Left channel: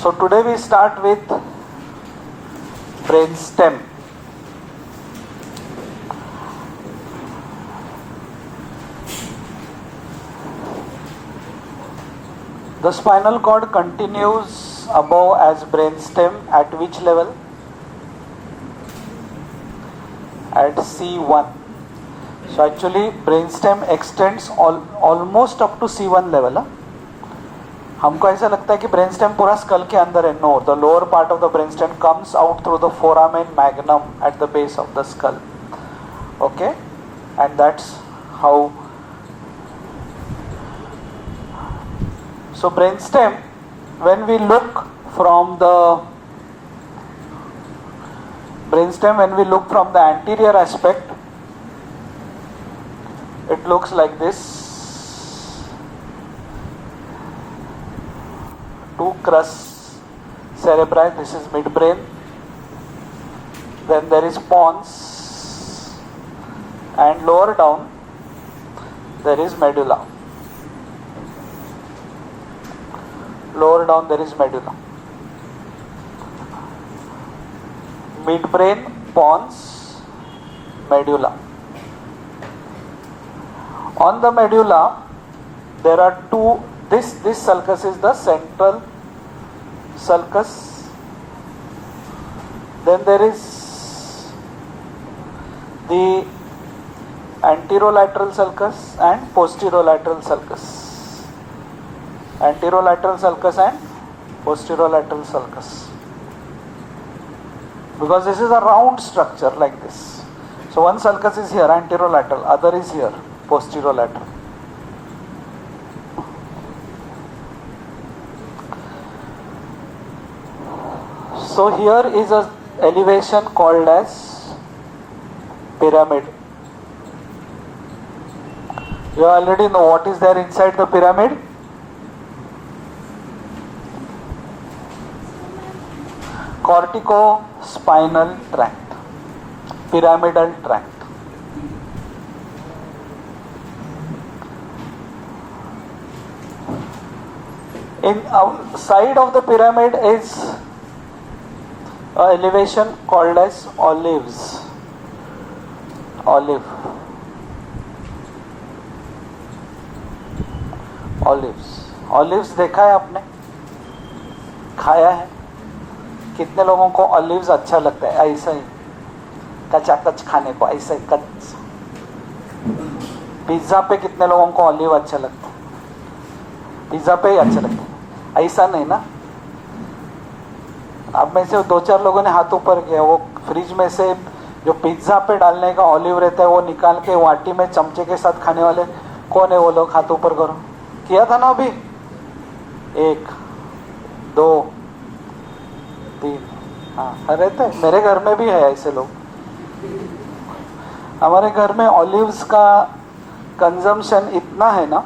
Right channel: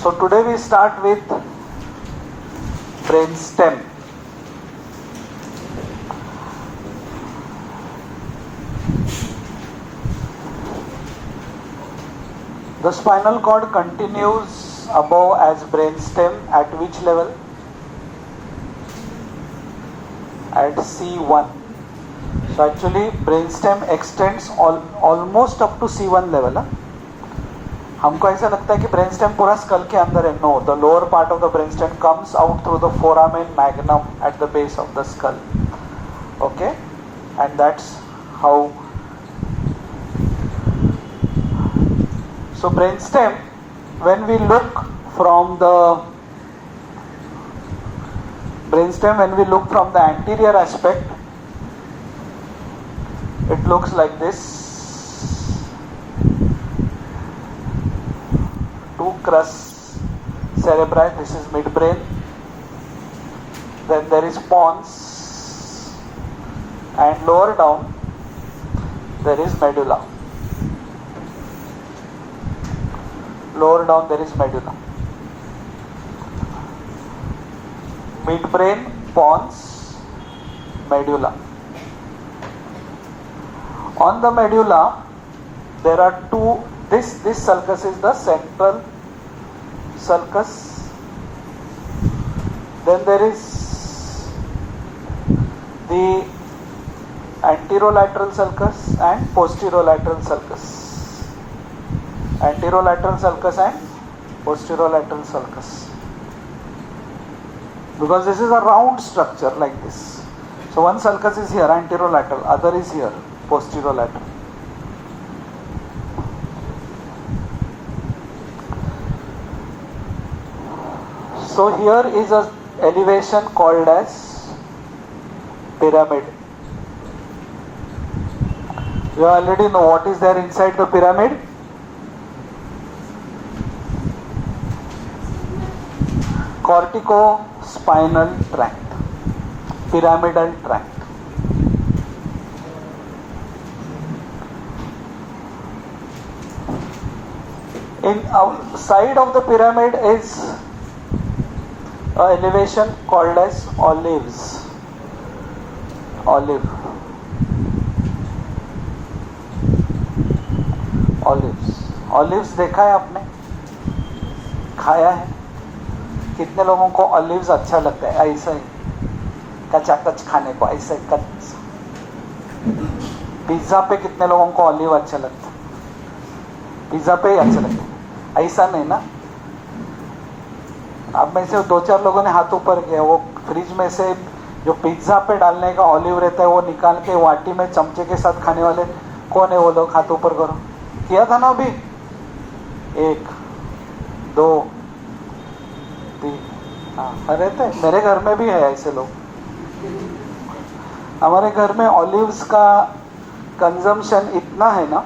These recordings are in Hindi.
So today we start with brain stem. The spinal cord continues above as brain stem at which level? At C1. So actually brain stem extends almost up to C1 level. हमको ऐसा लगता है कि ब्रेन स्टेम पूरा स्कल के अंदर है. No, the lower part of the brain stem comes out through the foramen magnum at the base of the skull. Okay, and that's how. So brain stem, when we look from the anterior aspect, it looks like this. Two crus cerebri, this is midbrain. Then there is pons, and lower down there is medulla. Lower down there is medulla. Midbrain, pons, medulla. On the medulla there are two. This sulcus is the central sulcus. Then there is the anterolateral sulcus and posterolateral sulcus. Anterolateral sulcus and posterolateral sulcus. Because this is a round structure like this. So one sulcus is here, anterolateral, other is here, posterolateral. So here is a elevation called as pyramid. You already know what is there inside the pyramid. Corticospinal tract, pyramidal tract. In outside of the pyramid is elevation called as olives. Olives देखा है आपने, खाया है. कितने लोगों को ऑलिव्स अच्छा लगता है? ऐसा ही कचाकच खाने को, ऐसा ही कच. पिज्जा पे कितने लोगों को ऑलिव अच्छा लगता है? पिज्जा पे ही अच्छा लगता है, ऐसा नहीं ना. अब में से 2-4 लोगों ने हाथ ऊपर किया. वो फ्रिज में से जो पिज्जा पे डालने का ऑलिव रहता है वो निकाल के वाटी में चमचे के साथ खाने वाले कौन है? वो लोग हाथ ऊपर करो. किया था ना अभी? 1, 2, 3. हाँ, रहते हैं. मेरे घर में भी है ऐसे लोग. हमारे घर में ऑलिव्स का कंजम्पशन इतना है ना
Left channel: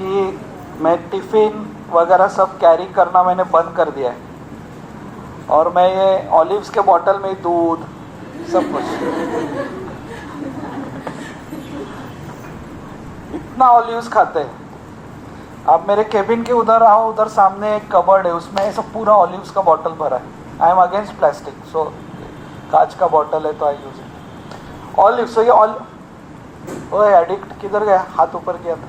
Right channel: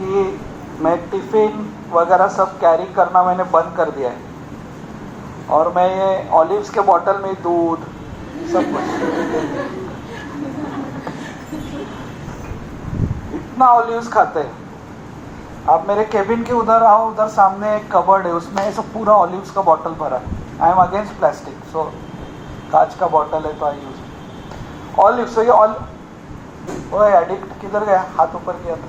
कि मैं टिफिन वगैरह सब कैरी करना मैंने बंद कर दिया है. और मैं ये ऑलिव्स के बॉटल में दूध सब कुछ, इतना ऑलिव्स खाते हैं. आप मेरे केबिन के उधर आओ, उधर सामने एक कबर्ड है, उसमें ऐसा पूरा ऑलिव्स का बॉटल भरा है. आई एम अगेंस्ट प्लास्टिक, सो कांच का बॉटल है तो आई यूज ऑलिव. सो ये वो एडिक्ट किधर गया? हाथ ऊपर किया था.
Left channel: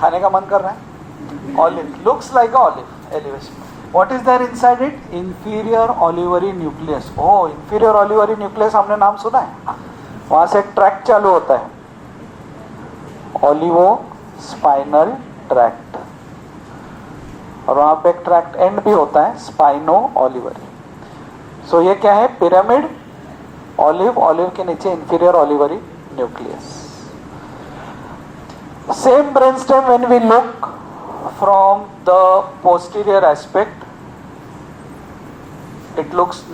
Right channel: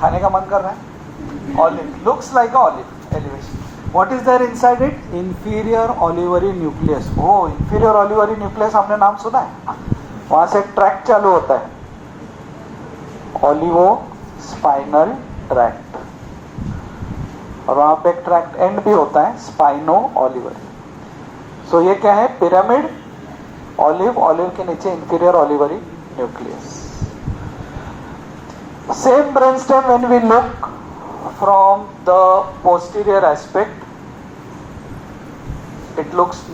खाने का मन कर रहा है. Olive looks like a olive elevation. What is there inside it? Inferior olivary nucleus. Oh, inferior olivary nucleus हमने नाम सुना है. वहां से ट्रैक्ट चालू होता है, ऑलिवोस्पाइनल ट्रैक्ट, और वहां पे ट्रैक्ट एंड भी होता है, स्पाइनो ऑलिवरी. सो ये क्या है? पिरामिड, ऑलिव के नीचे inferior olivary nucleus. Same brain stem when we look from the posterior aspect,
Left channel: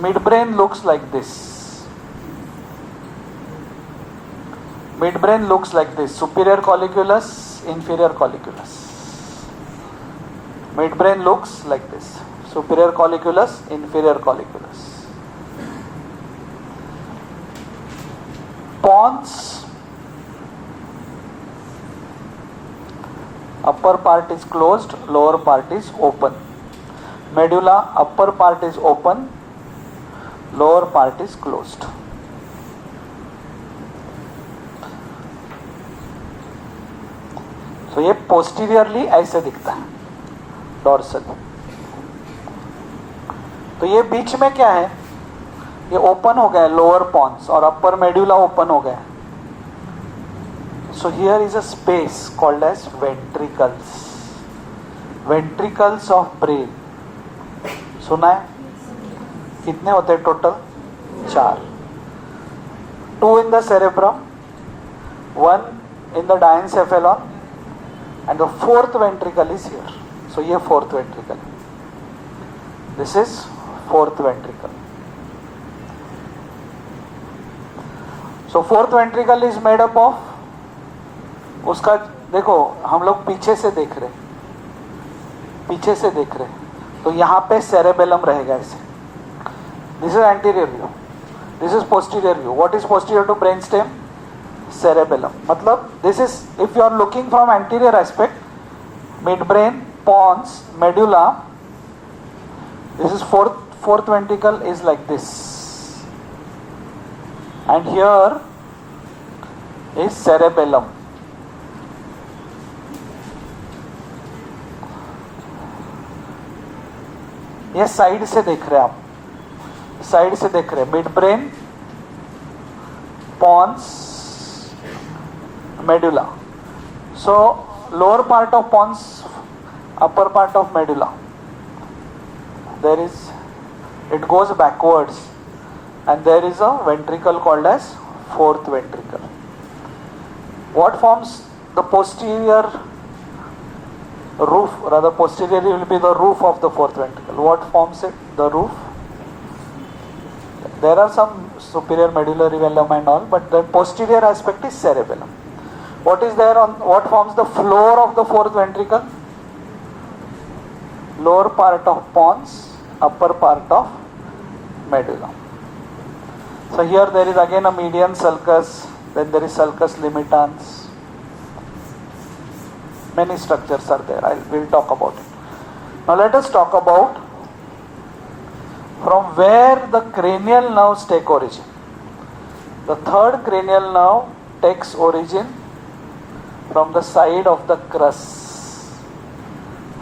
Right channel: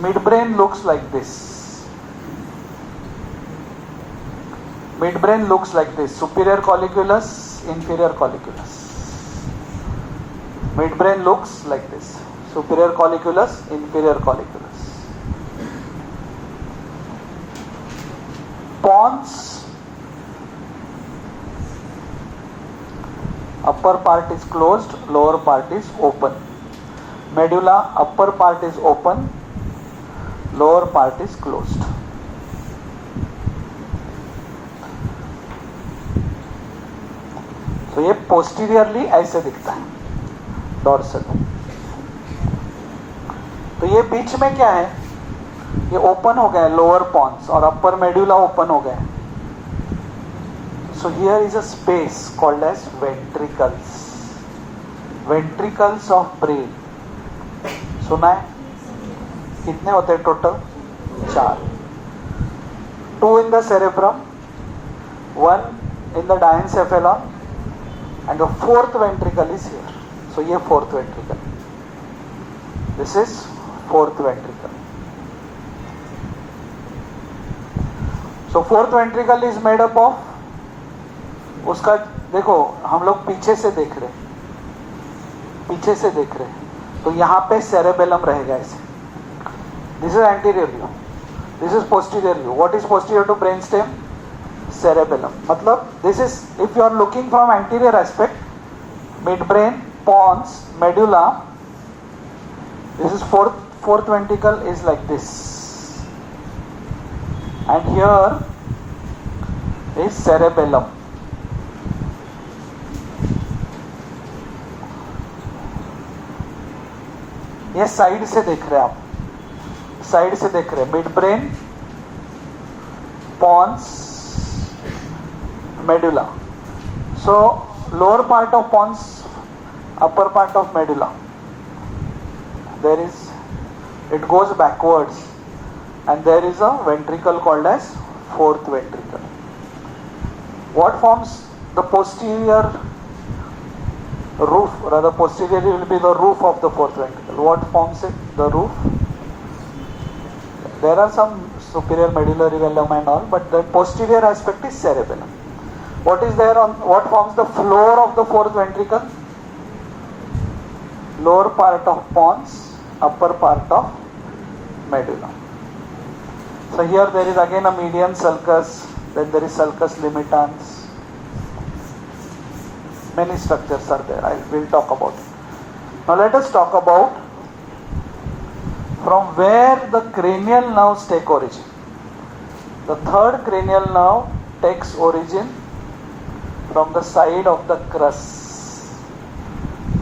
midbrain looks like this. Midbrain looks like this. Superior colliculus, inferior colliculus. Midbrain looks like this. Superior colliculus, inferior colliculus. Pons upper part is closed, lower part is open. Medulla, upper part is open, lower part is closed. तो ये पोस्टीरियरली ऐसे दिखता है डॉर्सल. तो ये बीच में क्या है, ये ओपन हो गए लोअर पॉन्स और अपर मेड्यूला ओपन हो गए. So here is a space called as ventricles. Ventricles of brain सुना है? कितने होते हैं total? 4. 2 in the cerebrum, 1 in the diencephalon, and the 4th ventricle is here. So ये 4th ventricle. This is 4th ventricle. So 4th ventricle is made up of, उसका देखो हम लोग पीछे से देख रहे हैं, तो यहाँ पे सेरेबेलम रहेगा ऐसे. This is anterior view, this is posterior view. What is posterior to brain stem? Cerebellum. मतलब this is, if you are looking from anterior aspect, mid brain, pons, medulla, this is fourth ventricle is like this, and here is cerebellum. ये साइड से देख रहे हैं आप, साइड से देख रहे हैं. Mid brain, pons, medulla. So lower part of pons, upper part of medulla, there is, it goes backwards, and there is a ventricle called as 4th ventricle. What forms the posterior roof, rather posteriorly will be the roof of the 4th ventricle. What forms it? The roof. There are some superior medullary velum and all, but the posterior aspect is cerebellum. What is there on, what forms the floor of the 4th ventricle? Lower part of pons, upper part of medulla. So here there is again a median sulcus, then there is sulcus limitans. Many structures are there. I will talk about it. Now let us talk about from where the cranial nerves take origin. The 3rd cranial nerve takes origin from the side of the crus.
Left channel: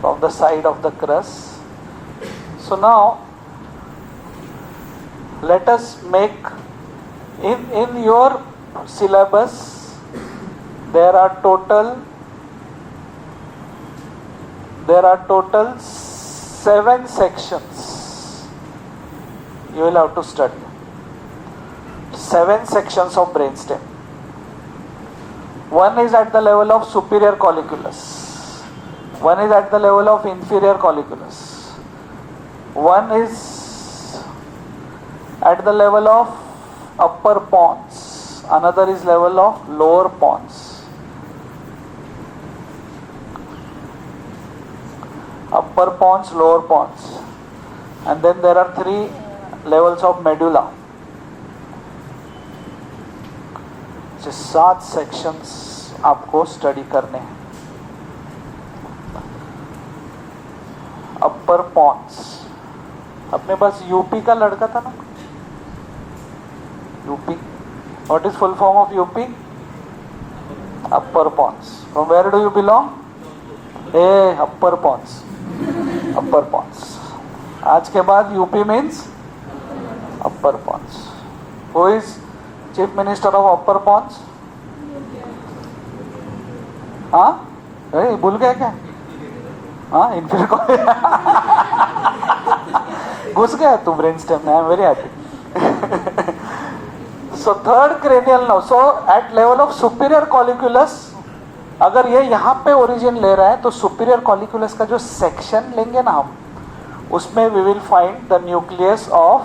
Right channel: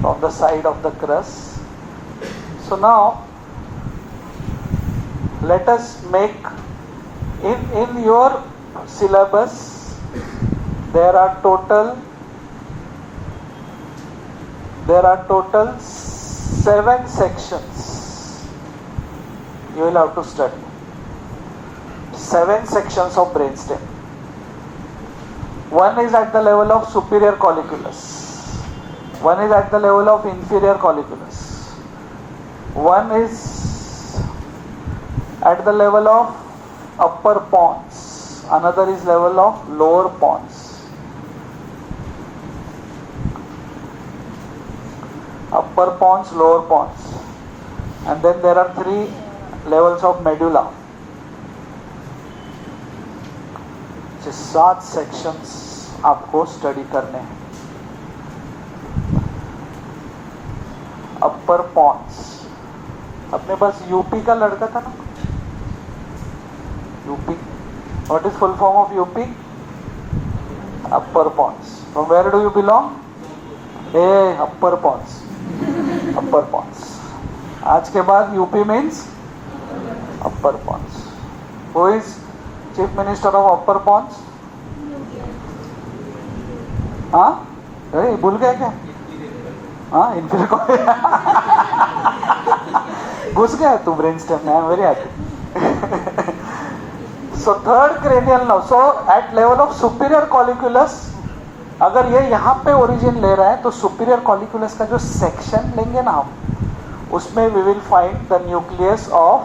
From the side of the crus. So now let us make, in your syllabus there are total 7 sections you will have to study. 7 sections of brainstem. One is at the level of superior colliculus, one is at the level of inferior colliculus, one is at the level of upper pons, another is level of lower pons. Upper pons, lower pons, and then there are 3 levels of medulla. So 7 sections आपको स्टडी करने हैं. अपर पॉन्स, अपने पास यूपी का लड़का था ना, UP. What is full form of UP? Upper pons. From where do you belong? Upper pons, upper pons. आज के बाद UP means upper pons. Who is chief minister of upper pons? हाँ, भूल गया क्या? हाँ, इंफीरियर घुस गया तू ब्रेन स्टेम में. I am very happy. So 3rd cranial nerve. So at level of superior colliculus, अगर ये यहाँ पे ओरिजिन ले रहा है तो सुपीरियर कॉलिक्यूलस का जो सेक्शन लेंगे ना हम, उसमें we will find the nucleus of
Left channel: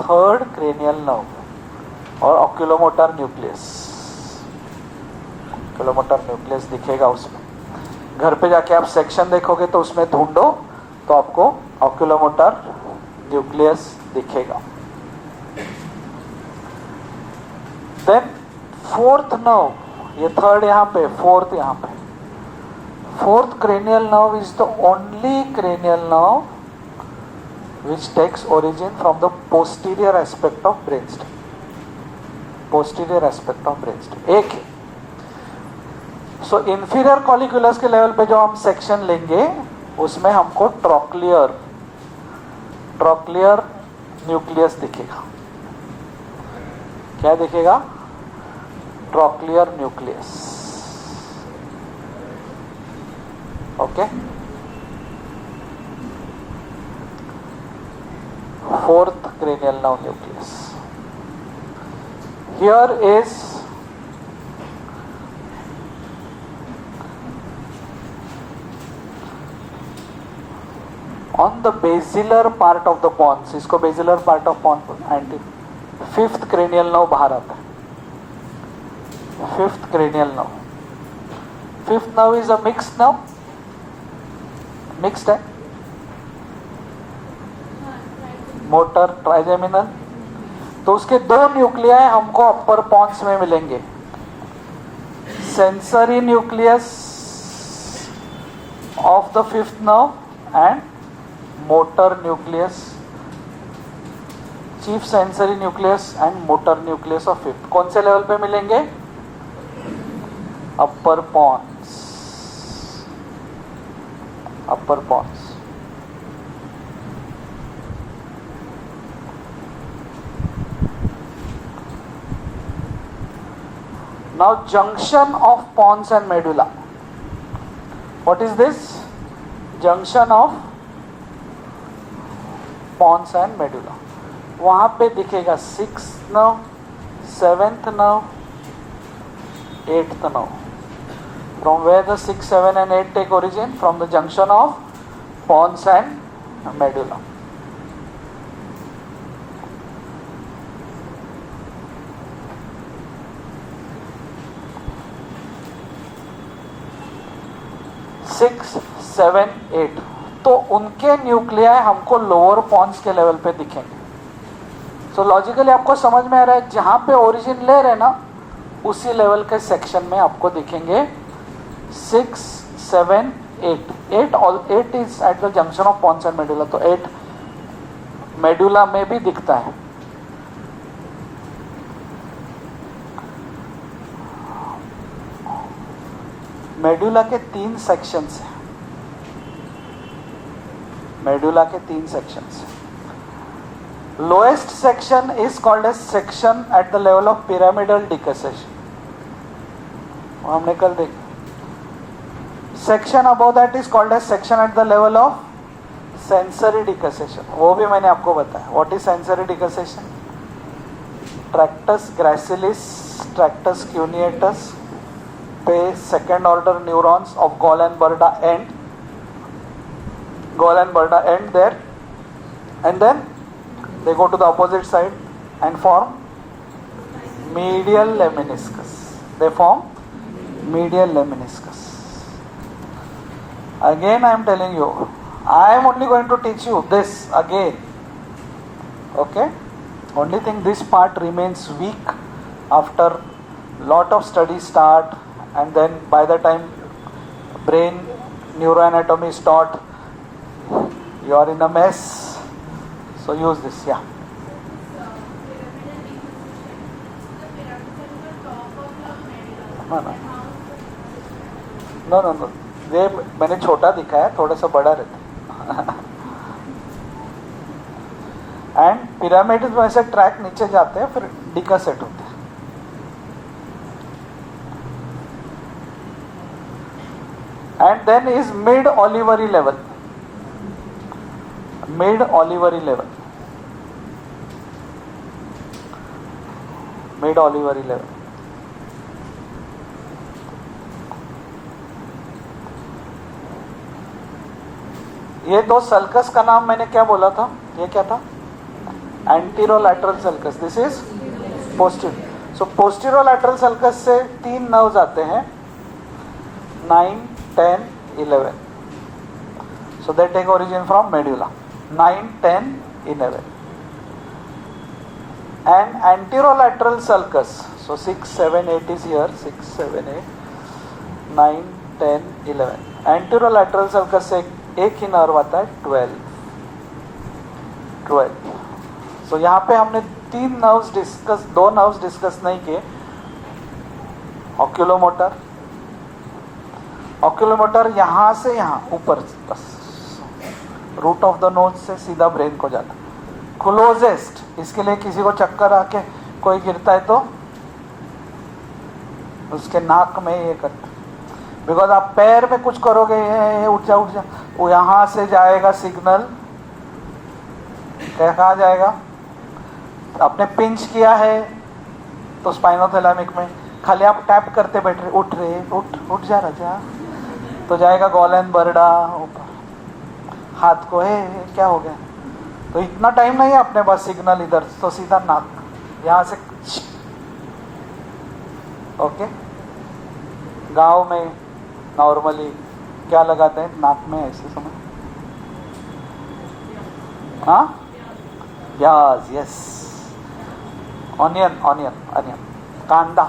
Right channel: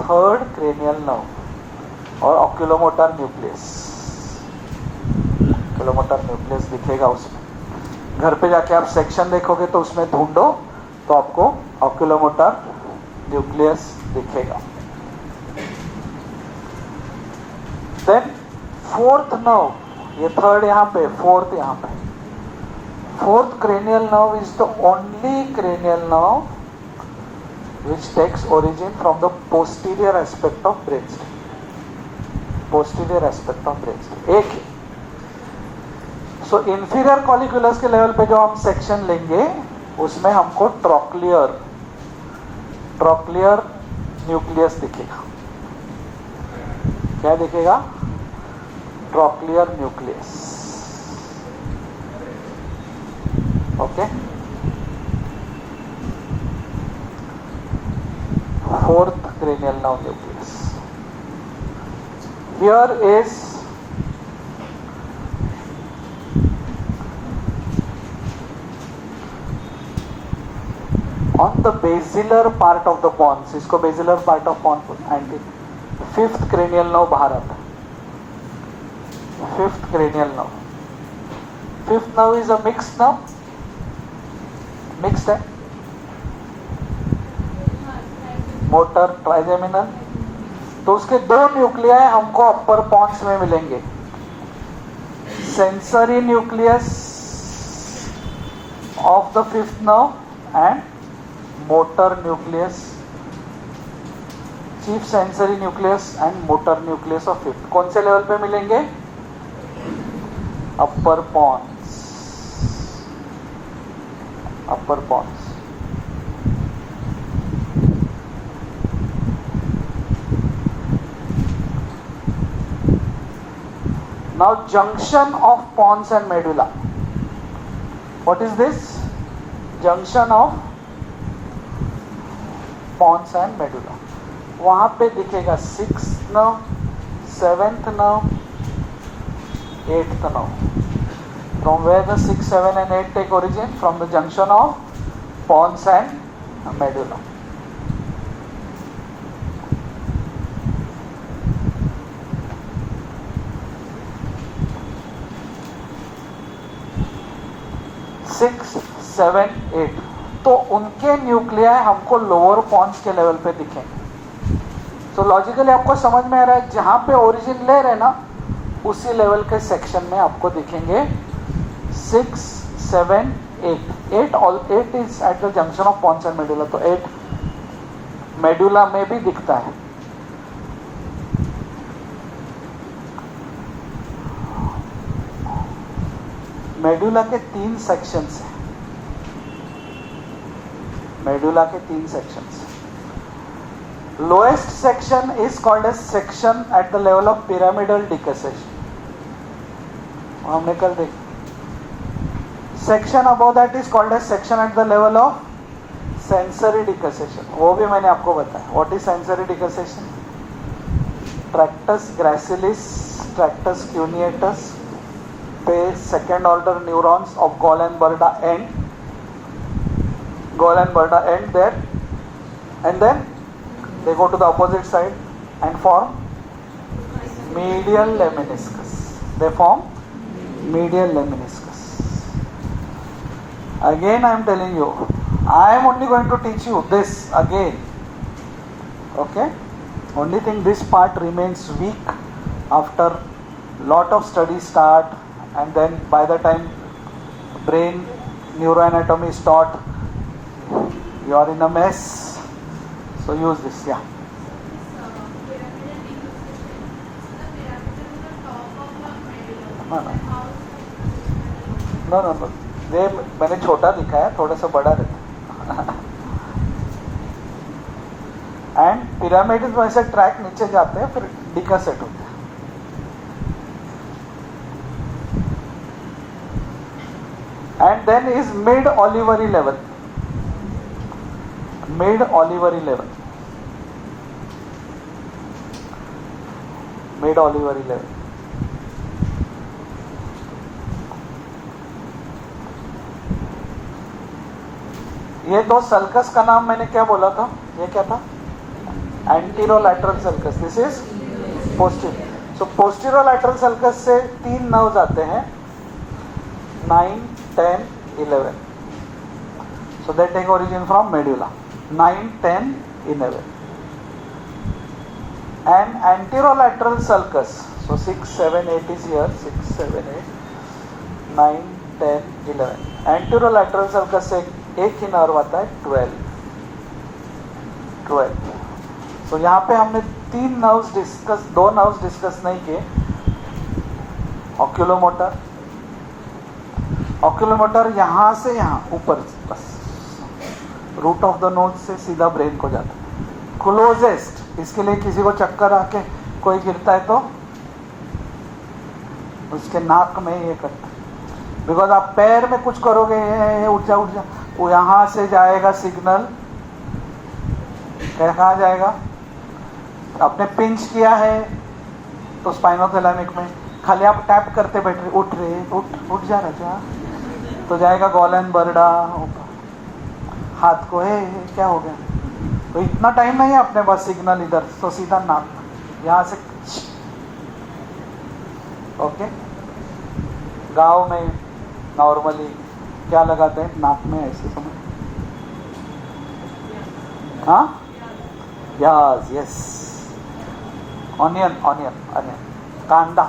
3rd cranial nerve और ऑक्यूलोमोटर न्यूक्लियस. ऑक्यूलोमोटर न्यूक्लियस दिखेगा उसमें. घर पे जाके आप सेक्शन देखोगे तो उसमें ढूंढो तो आपको ऑक्यूलोमोटर न्यूक्लियस दिखेगा. देन 4th nerve, ये थर्ड यहाँ पे, फोर्थ यहाँ पे. Fourth cranial nerve is the only cranial nerve which takes origin from the posterior aspect of brainstem. Posterior aspect of brainstem. एक है. So inferior colliculus के लेवल पे जो हम सेक्शन लेंगे उसमें हमको ट्रॉक्लियर न्यूक्लियस दिखेगा. क्या दिखेगा? Trochlear nucleus. Okay. Fourth cranial nerve nucleus. Here is on the basilar part of the pons. इसको basilar part of pons and fifth cranial nerve बाहर आता. Fifth cranial nerve. Fifth nerve is a mixed nerve. Mixed है. Motor trigeminal. तो उसके दो न्यूक्लियाई हमको अपर पॉन्स में मिलेंगे. Sensory nucleus of the fifth nerve and motor nucleus. Chief sensory nucleus and motor nucleus of fifth. कौन से लेवल पे मिलेंगे? Upper pons. upper pons. Now junction of pons and medulla. What is this? Junction of pons and medulla. वहां पे दिखेगा 6th nerve, 7th nerve, 8th nerve. From where the 6, 7 and 8 take origin? From the junction of pons and medulla. Six, 7, 8. तो उनके न्यूक्लियाई हमको लोअर पॉन्स के लेवल पे दिखेंगे. सो लॉजिकली आपको समझ में आ रहा है, जहां पे ओरिजिन ले रहे ना उसी लेवल के सेक्शन में आपको दिखेंगे 6, 7, 8. 8 is at the junction of pons and medulla. तो 8 मेडुला में भी दिखता है. मेडुला के 3 सेक्शंस हैं. मेडुला के 3 sections. Lowest section is called as section at the level of pyramidal decussation. हमने कल देखा. Section above that is called as section at the level of sensory decussation. वो भी मैंने आपको बताया. What is sensory decussation? Tractus gracilis, tractus cuneatus पे second order neurons of Gall&Berda end. Gall&Berda end there, and then they go to the opposite side and form medial lemniscus. They form medial lemniscus. Again I am telling you, I am only going to teach you this again. Okay? Only thing, this part remains weak after lot of studies start, and then by the time brain neuroanatomy is taught, you are in a mess. So use this. Yeah. No. ये मैंने छोटा दिखाया, थोड़ा सा बड़ा रहता. एंड पिरामिड में ऐसे ट्रैक नीचे जाते हैं, फिर डिकसेट होता है. And then is mid olivary level. Mid olivary level. Mid olivary level. ये दो सल्कस का नाम मैंने क्या बोला था? ये क्या था? Anterolateral sulcus. This is posterior. So posterolateral sulcus से 3 नर्व्स आते हैं, 9, 10, 11. So they take origin from medulla. 9, 10, 11. And anterolateral sulcus. So 6, 7, 8 is here. 6, 7, 8, 9, 10, 11. एंटेरोलैटरल circus से एक ही नर्व आता है 12. सो यहाँ पे हमने 2 नर्व्स डिस्कस नहीं किए. ऑक्यूलोमोटर यहाँ से यहाँ ऊपर bus route of the nose से सीधा ब्रेन को जाता है. क्लोजेस्ट, इसके लिए किसी को चक्कर आके कोई गिरता है तो उसके नाक में ये करता है. बिकॉज आप पैर में कुछ करोगे, उठ जा, वो यहां से जाएगा सिग्नल. कहाँ जाएगा? आपने पिंच किया है तो स्पाइनोथैलेमिक में, खाली आप टैप करते बैठे, उठ जा राजा, तो जाएगा गॉलन बर्डा हाथ को, क्या हो गया? तो इतना टाइम नहीं है अपने पास सिग्नल इधर, तो सीधा नाक यहाँ से. ओके. गांव में नॉर्मली क्या लगाते हैं नाक में ऐसे समय? हाँ, प्याज. यस. ऑनियन. कांदा.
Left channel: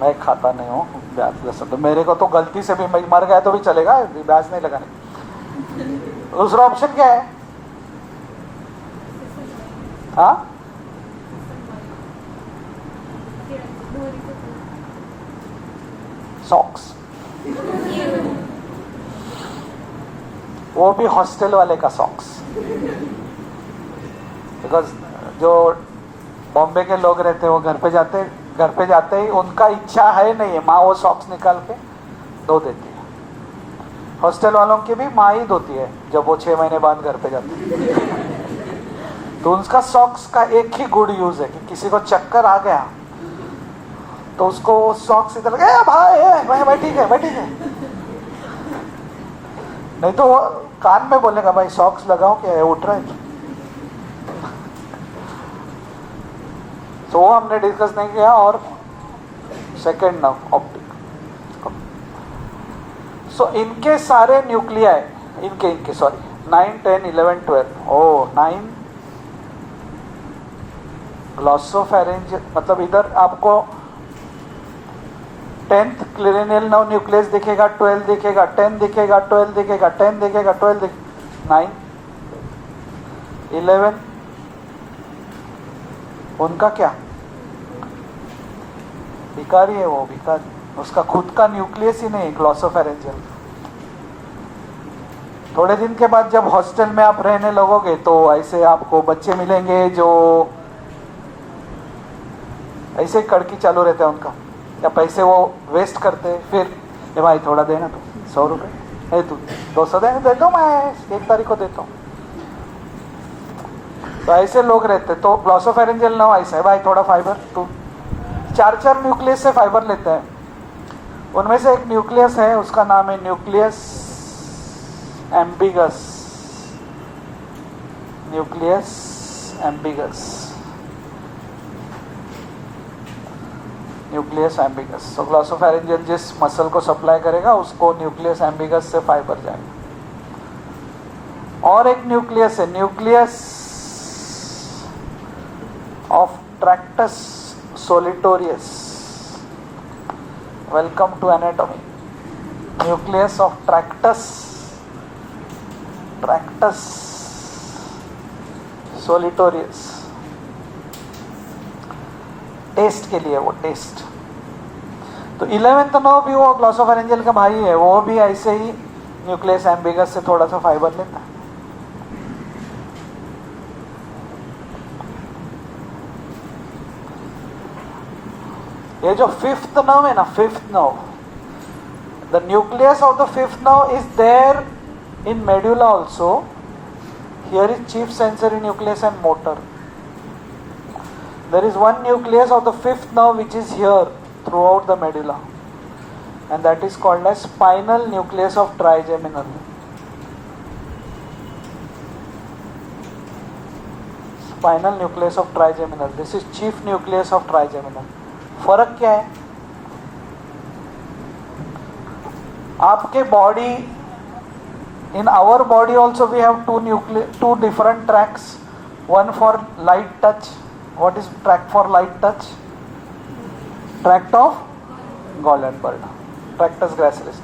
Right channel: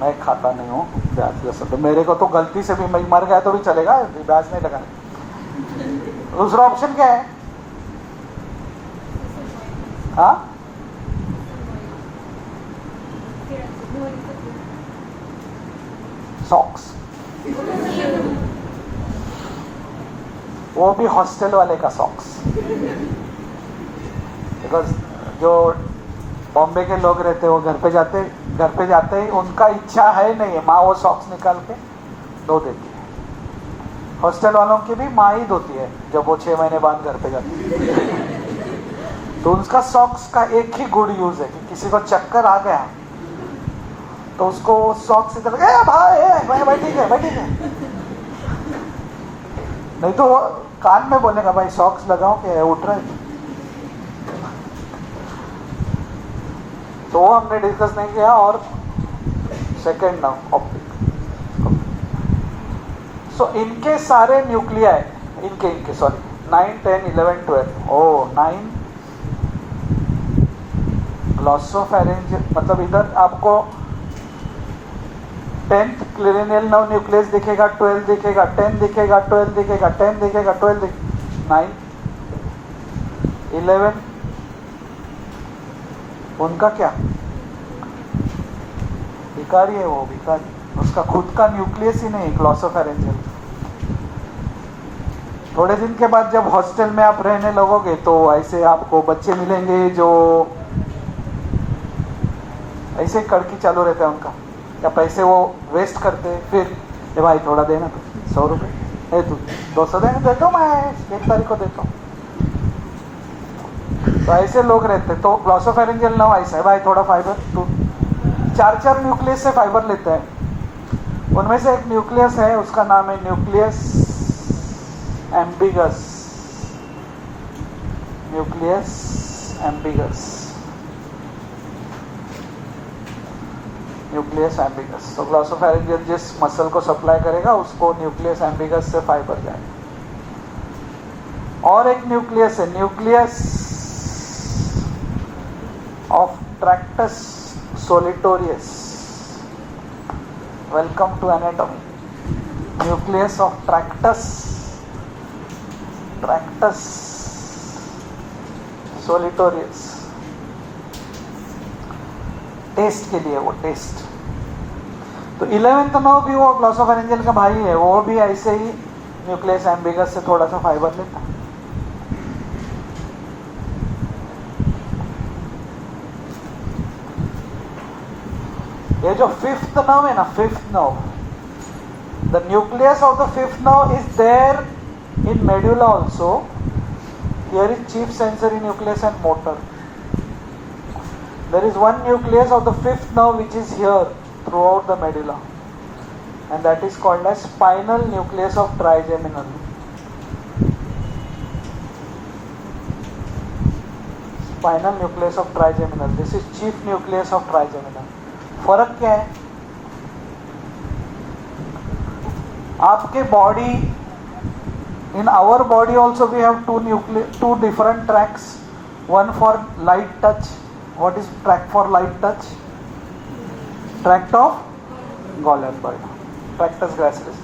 मैं खाता नहीं हूँ प्याज. ये सब मेरे को तो गलती से भी मर गया तो भी चलेगा, प्याज नहीं लगाने. दूसरा ऑप्शन क्या है? हाँ, सॉक्स. वो भी हॉस्टल वाले का सॉक्स. बिकॉज जो बॉम्बे के लोग रहते हैं वो घर पे जाते ही उनका इच्छा है नहीं है, माँ वो सॉक्स निकाल के धो देती है. हॉस्टल वालों की भी माँ ही धोती है जब वो 6 महीने बाद घर पे जाते हैं. तो उनका सॉक्स का एक ही गुड यूज है कि किसी को चक्कर आ गया तो उसको सॉक्स इधर भाई ठीक है. नहीं तो वो कान में बोलेगा भाई सॉक्स लगाओ क्या उठ रहा है. तो वो हमने डिस्कस नहीं किया. और सेकेंड नर्व ऑप्टिक. सो इनके सारे न्यूक्लियाई, इनके सॉरी 9, 10, 11, 12. 9 ग्लॉसोफैरिंजियल, मतलब इधर आपको 10th क्लेरेनियल नर्व न्यूक्लियस दिखेगा, 12 दिखेगा, 10 दिखेगा, 12 दिखेगा, 10 दिखेगा, 12 दिखेगा, 9, 11. उनका क्या? विकारी है वो, विकारी. उसका खुद का न्यूक्लियस ही नहीं, ग्लॉसोफैरिंजियल. थोड़े दिन के बाद जब हॉस्टल में आप रहने लगोगे तो ऐसे आपको बच्चे मिलेंगे जो ऐसे कड़की चालू रहता है उनका, या पैसे वो वेस्ट करते. फिर ये भाई थोड़ा देना तो 100 रुपये, तू 200 देता हूँ मैं 1 तारीख को देता हूँ. तो ऐसे लोग रहते. तो ग्लॉसोफैरिंजियल नर्व ऐसा है, भाई थोड़ा फाइबर, तू 4 न्यूक्लियस से फाइबर लेता है. उनमें से एक न्यूक्लियस है, उसका नाम है न्यूक्लियस एम्बिगस. Nucleus ambiguous. तो ग्लॉसोफैरिंजियल जिस मसल को सप्लाई करेगा उसको न्यूक्लियस एम्बिगस से फाइबर जाएगा. और एक न्यूक्लियस है, nucleus of tractus solitarius. Welcome to anatomy. Nucleus of tractus solitarius. Test के लिए वो टेस्ट. तो 11th नर्व भी वो ग्लॉसोफैरिंजियल का भाई है, वो भी ऐसे ही न्यूक्लियस एम्बिगस से थोड़ा सा फाइबर लेता है. ये जो 5th नर्व है ना, 5th nerve, the nucleus of the 5th nerve is there in medulla also. Here is chief sensory nucleus and motor. There is one nucleus of the 5th nerve which is here throughout the medulla, and that is called as spinal nucleus of trigeminal. Spinal nucleus of trigeminal. This is chief nucleus of trigeminal. फर्क क्या है? आपके body, in our body also we have two different tracks. One for light touch What is tract for light touch? Tract of Goldenberg. Tractus gracilis.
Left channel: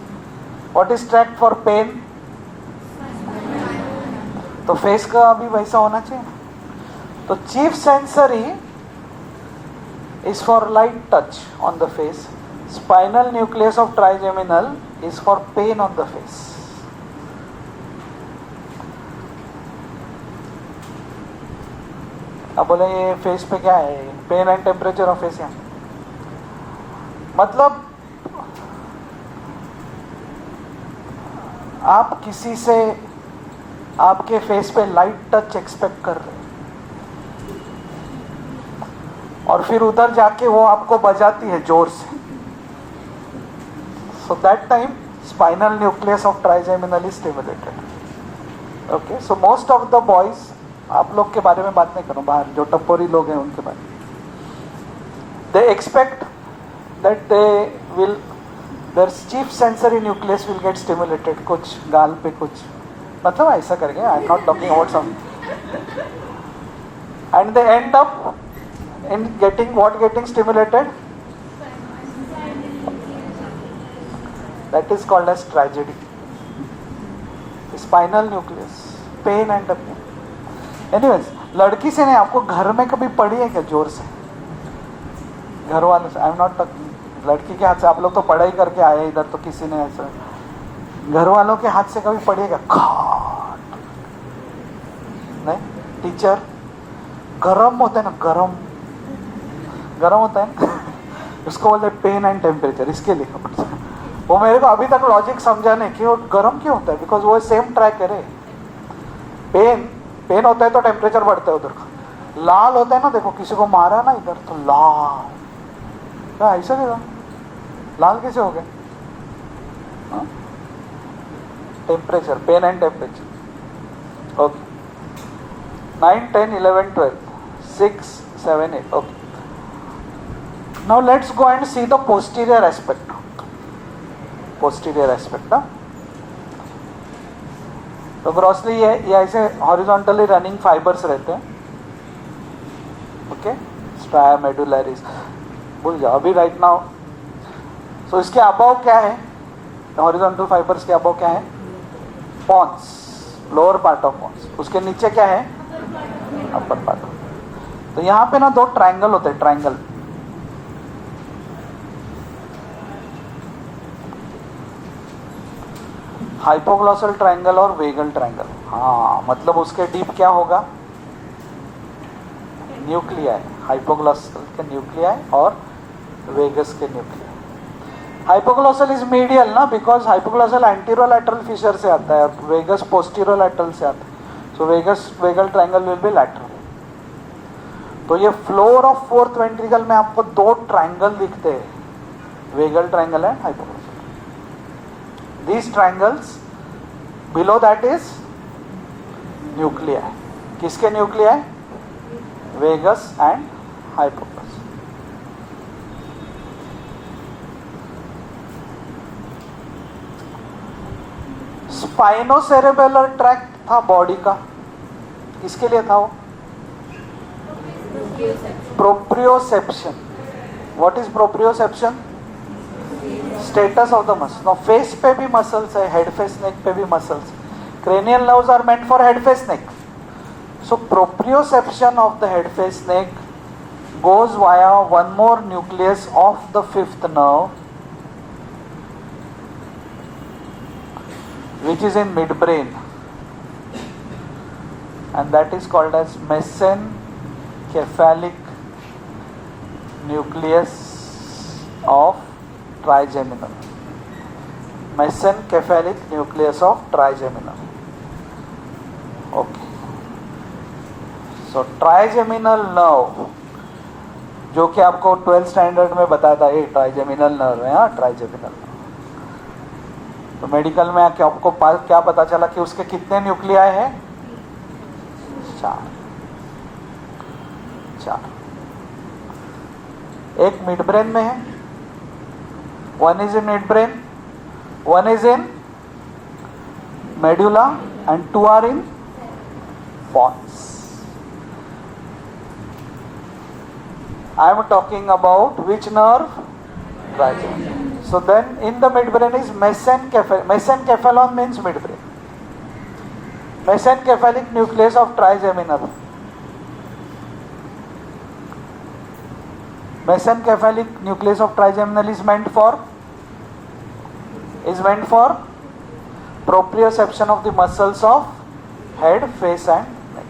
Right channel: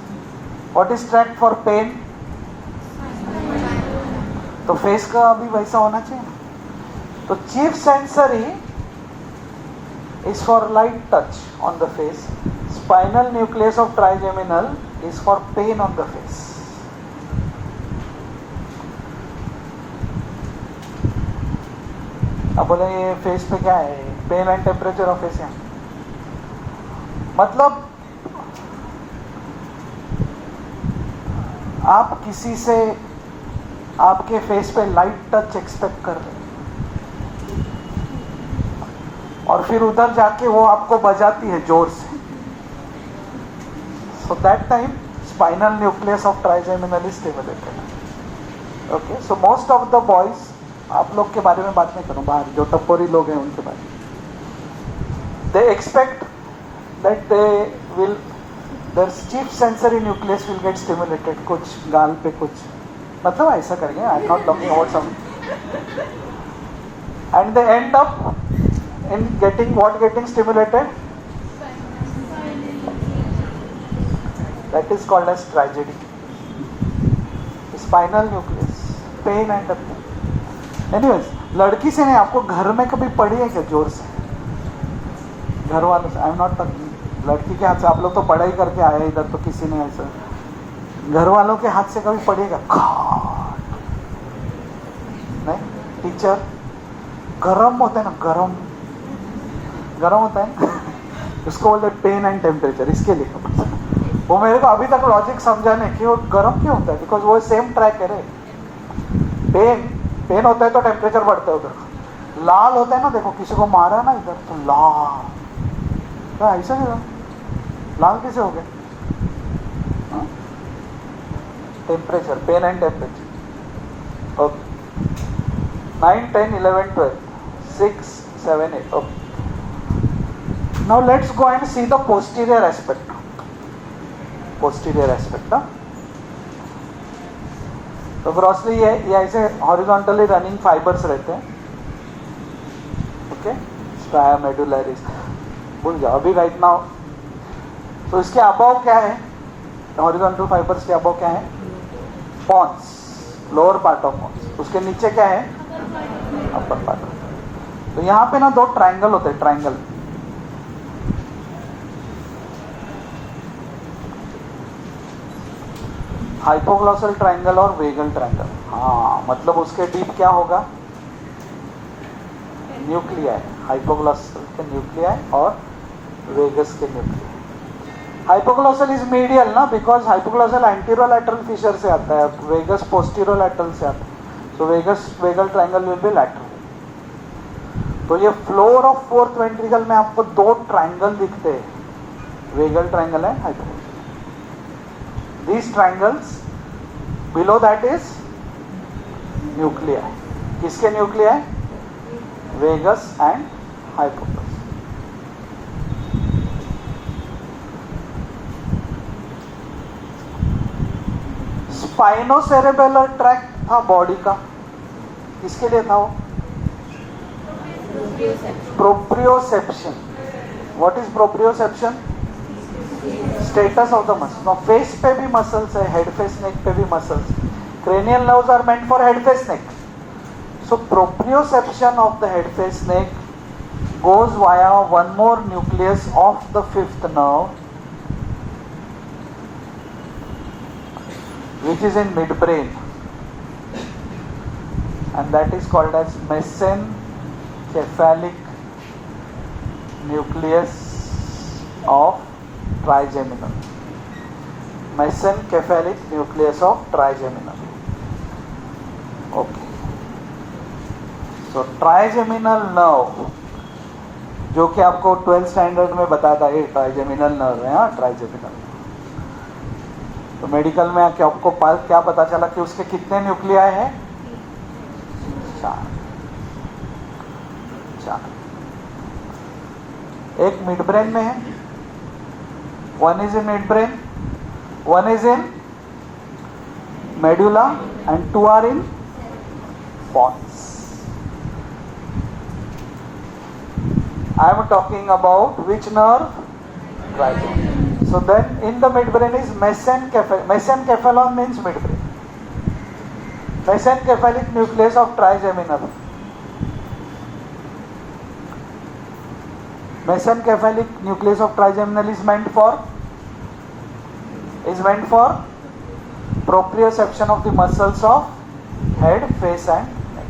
What is tract for pain? तो फेस का भी वैसा होना चाहिए. तो chief sensory is for light touch on the face. Spinal nucleus of trigeminal is for pain on the face. अब बोले ये फेस पे क्या है? Pain and temperature of face. मतलब आप किसी से आपके फेस पे लाइट टच एक्सपेक्ट कर रहे हैं और फिर उधर जाके वो आपको बजाती है जोर से. So that time spinal nucleus of trigeminal is stimulated. Okay, so most of the boys, आप लोग के बारे में बात नहीं करूं, बाहर जो टपोरी लोग हैं उनके बारे में, they expect that they will their chief sensory nucleus will get stimulated. कुछ गाल पे कुछ, मतलब ऐसा करेंगे. I am not talking about some. And they end up in getting what? Getting stimulated. That is called as tragedy. Spinal nucleus, pain and pain. Anyways, लड़की से नहीं, आपको घर में कभी पड़ी है क्या जोर से? घर वाले से. आई एम नॉट टॉकिंग लड़की के हाथ से. आप लोग तो पढ़ाई करके आए इधर, तो किसी ने ऐसा घर वालों के हाथ से कभी पड़ेगा? नहीं. टीचर गरम होता है ना, गरम गरम होता है उसको बोलते पेन एंड टेम्परेचर. इसके लिए वो मेरे को अभी तक लॉजिक समझा नहीं कि वो गरम क्यों होता है. बिकॉज वो सेम ट्रैक है. पेन होता है तो टेम्परेचर बढ़ता है उधर. लाल होता है ना, देखो किसी को मारा ना इधर तो लाल. क्या ऐसा देगा? लाल कैसे हो गया? Temperature, pain and temperature. Okay. 9, 10, 11, 12, 6, 7, 8. Okay. Now let's go and see the posterior aspect. Posterior aspect. तो ग्रॉसली ये ऐसे हॉरिजॉन्टली रनिंग फाइबर्स रहते हैं. ओके. स्ट्राया मेडुलरिस भूल जाओ अभी राइट नाउ. सो इसके अबव क्या है? हॉरिजॉन्टल फाइबर्स के अबव क्या है? Pons, lower part of pons. उसके नीचे क्या है? Upper part. तो यहाँ पे ना दो ट्रायंगल होते हैं. ट्रायंगल हाइपोग्लॉसल ट्रायंगल और वेगल ट्रायंगल. हाँ, मतलब उसके डीप क्या होगा? न्यूक्लियाई. हाइपोग्लॉसल के न्यूक्लियाई और वेगस के न्यूक्लियाई. हाइपोग्लॉसल इज मीडियल ना, बिकॉज हाइपोग्लॉसल एंटीरोलैटरल फिशर से आता है, वेगस पोस्टीरोलैटरल से आता है. So vagal triangle will be lateral. तो ये फ्लोर ऑफ फोर्थ वेंट्रिकल में आपको दो ट्रायंगल दिखते हैं, vagal triangle and hypoglossal. These triangles below that is nuclei. किसके nuclei? Vagus and hypoglossus. Spinocerebellar tract था बॉडी का, किसके लिए था वो? Proprioception. What is proprioception? Status of the muscle. No, face पे भी मसल्स है, हेड फेस नेक पे भी muscles. Cranial nerves are meant for head face neck. So proprioception of the head face neck goes via one more nucleus of the fifth nerve, which is in midbrain, and that is called as mesencephalic nucleus of trigeminal. Mesencephalic nucleus of trigeminal. Okay. So trigeminal nerve, जो कि आपको 12th स्टैंडर्ड में बताया था, ये ट्राइजेमिनल नर्व है. हाँ, ट्राइजेमिनल. तो मेडिकल में आके आपको क्या पता चला कि उसके कितने न्यूक्लियाई है? 4. एक मिड ब्रेन में है, one is in midbrain, one is in medulla, and 2 are in pons. I am talking about which nerve? Trigeminal. So then in the midbrain is mesencephalon. Mesencephalon means midbrain. Mesencephalic nucleus of trigeminal. Mesencephalic nucleus of trigeminal is meant for proprioception of the muscles of head, face and neck.